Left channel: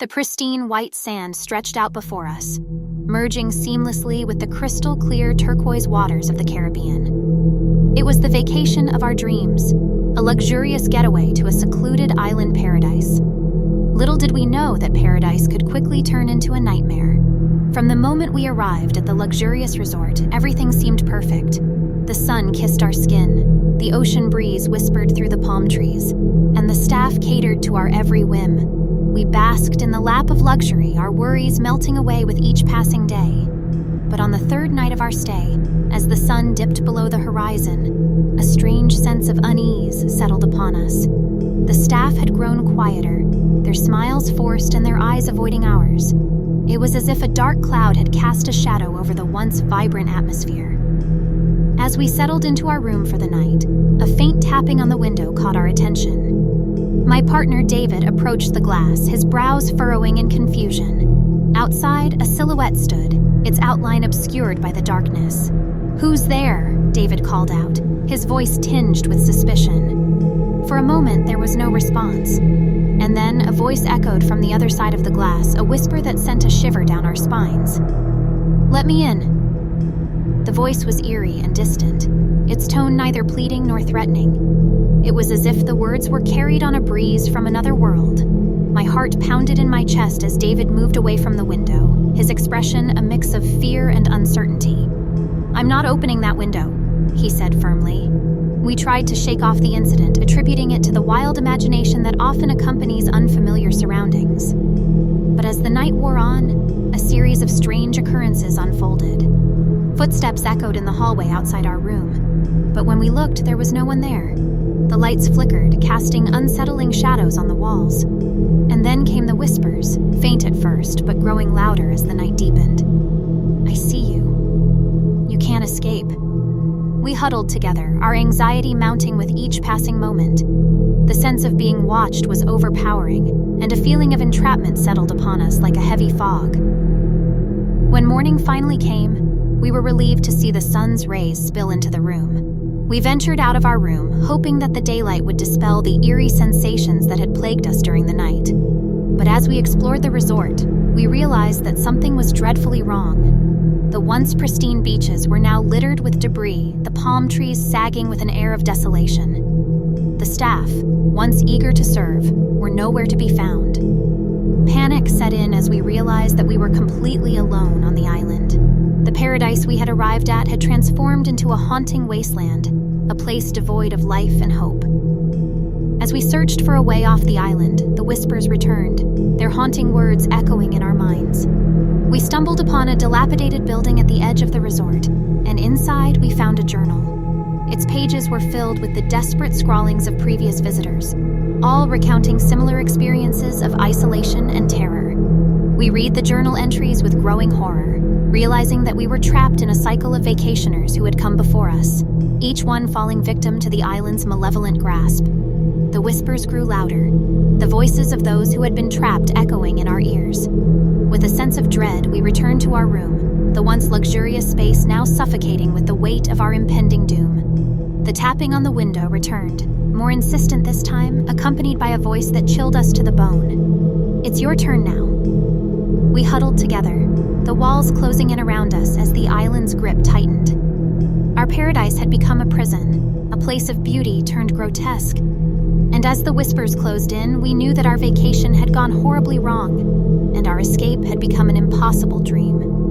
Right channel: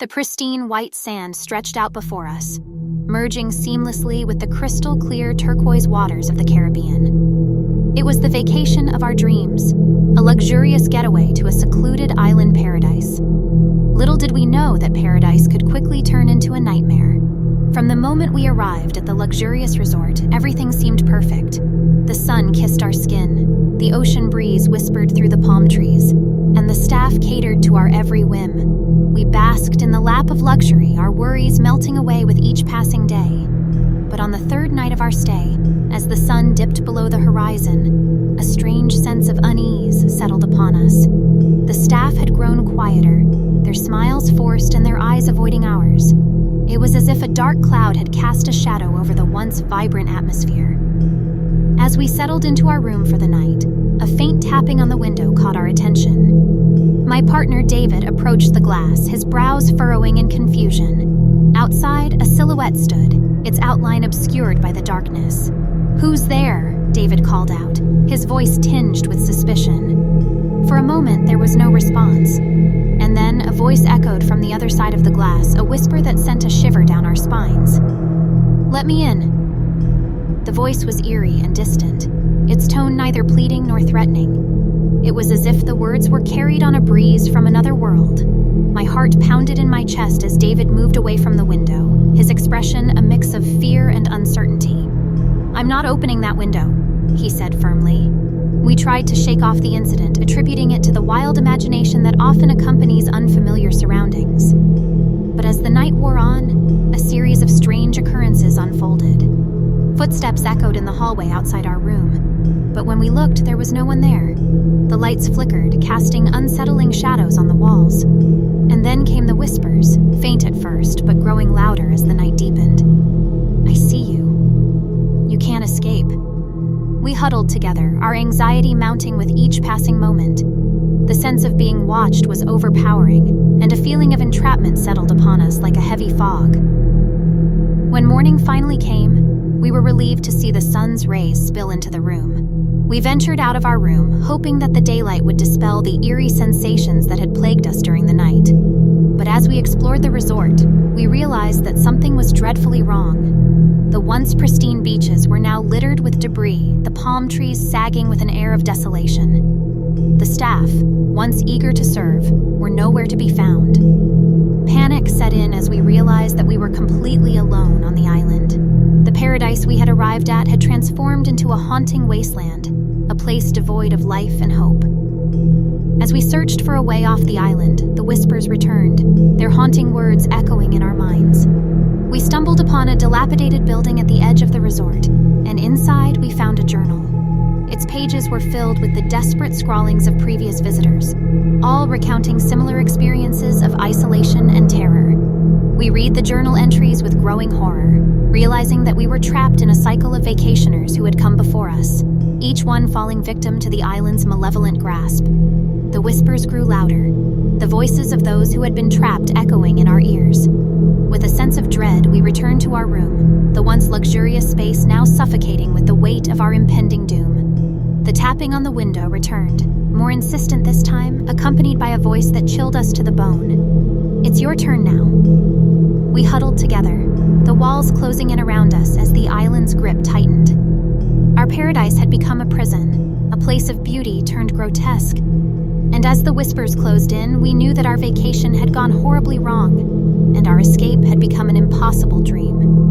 The pristine white sand stretched out before us, merging seamlessly with the crystal-clear turquoise waters of the Caribbean. It was the vacation of our dreams, a luxurious getaway to a secluded island paradise. Little did we know that paradise could quickly turn into a nightmare. From the moment we arrived at the luxurious resort, everything seemed perfect. The sun kissed our skin, the ocean breeze whispered through the palm trees, and the staff catered to our every whim. We basked in the lap of luxury, our worries melting away with each passing day. But on the third night of our stay, as the sun dipped below the horizon, a strange sense of unease settled upon us. The staff had grown quieter, their smiles forced and their eyes avoiding ours. It was as if a dark cloud had cast a shadow over the once vibrant atmosphere. As we settled into our room for the night, a faint tapping on the window caught our attention. My partner David approached the glass, his brows furrowing in confusion. Outside, a silhouette stood, its outline obscured by the darkness. "Who's there?" David called out, his voice tinged with suspicion. For a moment, there was no response. And then a voice echoed from the other side of the glass, a whisper that sent a shiver down our spines. "Let me in." The voice was eerie and distant, its tone neither pleading nor threatening. It was as if the words were carried on a breeze from another world. My heart pounded in my chest as David moved away from the window, his expression a mix of fear and uncertainty. "I'm not opening that window," he said firmly. We tried to shake off the incident, attributing it to the wild imagination that often accompanies unfamiliar surroundings. But as the night wore on, a series of strange occurrences unfolded. Footsteps echoed in the hallway outside our room, but when we looked, there was no one there. The lights flickered, casting unsettling shadows on the walls. And then came the whispers, faint at first, but growing louder as the night deepened. "I see you. You can't escape." We huddled together, our anxiety mounting with each passing moment. The sense of being watched was overpowering, and a feeling of entrapment settled upon us like a heavy fog. When morning finally came, we were relieved to see the sun's rays spill into the room. We ventured out of our room, hoping that the daylight would dispel the eerie sensations that had plagued us during the night. But as we explored the resort, we realized that something was dreadfully wrong. The once pristine beaches were now littered with debris, the palm trees sagging with an air of desolation. The staff, once eager to serve, were nowhere to be found. Panic set in as we realized that we were completely alone on the island. The paradise we had arrived at had transformed into a haunting wasteland, a place devoid of life and hope. As we searched for a way off the island, the whispers returned, their haunting words echoing in our minds. We stumbled upon a dilapidated building at the edge of the resort, and inside we found a journal. Its pages were filled with the desperate scrawlings of previous visitors, all recounting similar experiences of isolation and terror. We read the journal entries with growing horror, realizing that we were trapped in a cycle of vacationers who had come before us, each one falling victim to the island's malevolent grasp. The whispers grew louder, the voices of those who had been trapped echoing in our ears. With a sense of dread, we returned to our room, the once luxurious space now suffocating with the weight of our impending doom. The tapping on the window returned, more insistent this time, accompanied by a voice that chilled us to the bone. "It's your turn now." We huddled together, the walls closing in around us as the island's grip tightened. Our paradise had become a prison, a place of beauty turned grotesque. And as the whispers closed in, we knew that our vacation had gone horribly wrong, and our escape had become an impossible dream.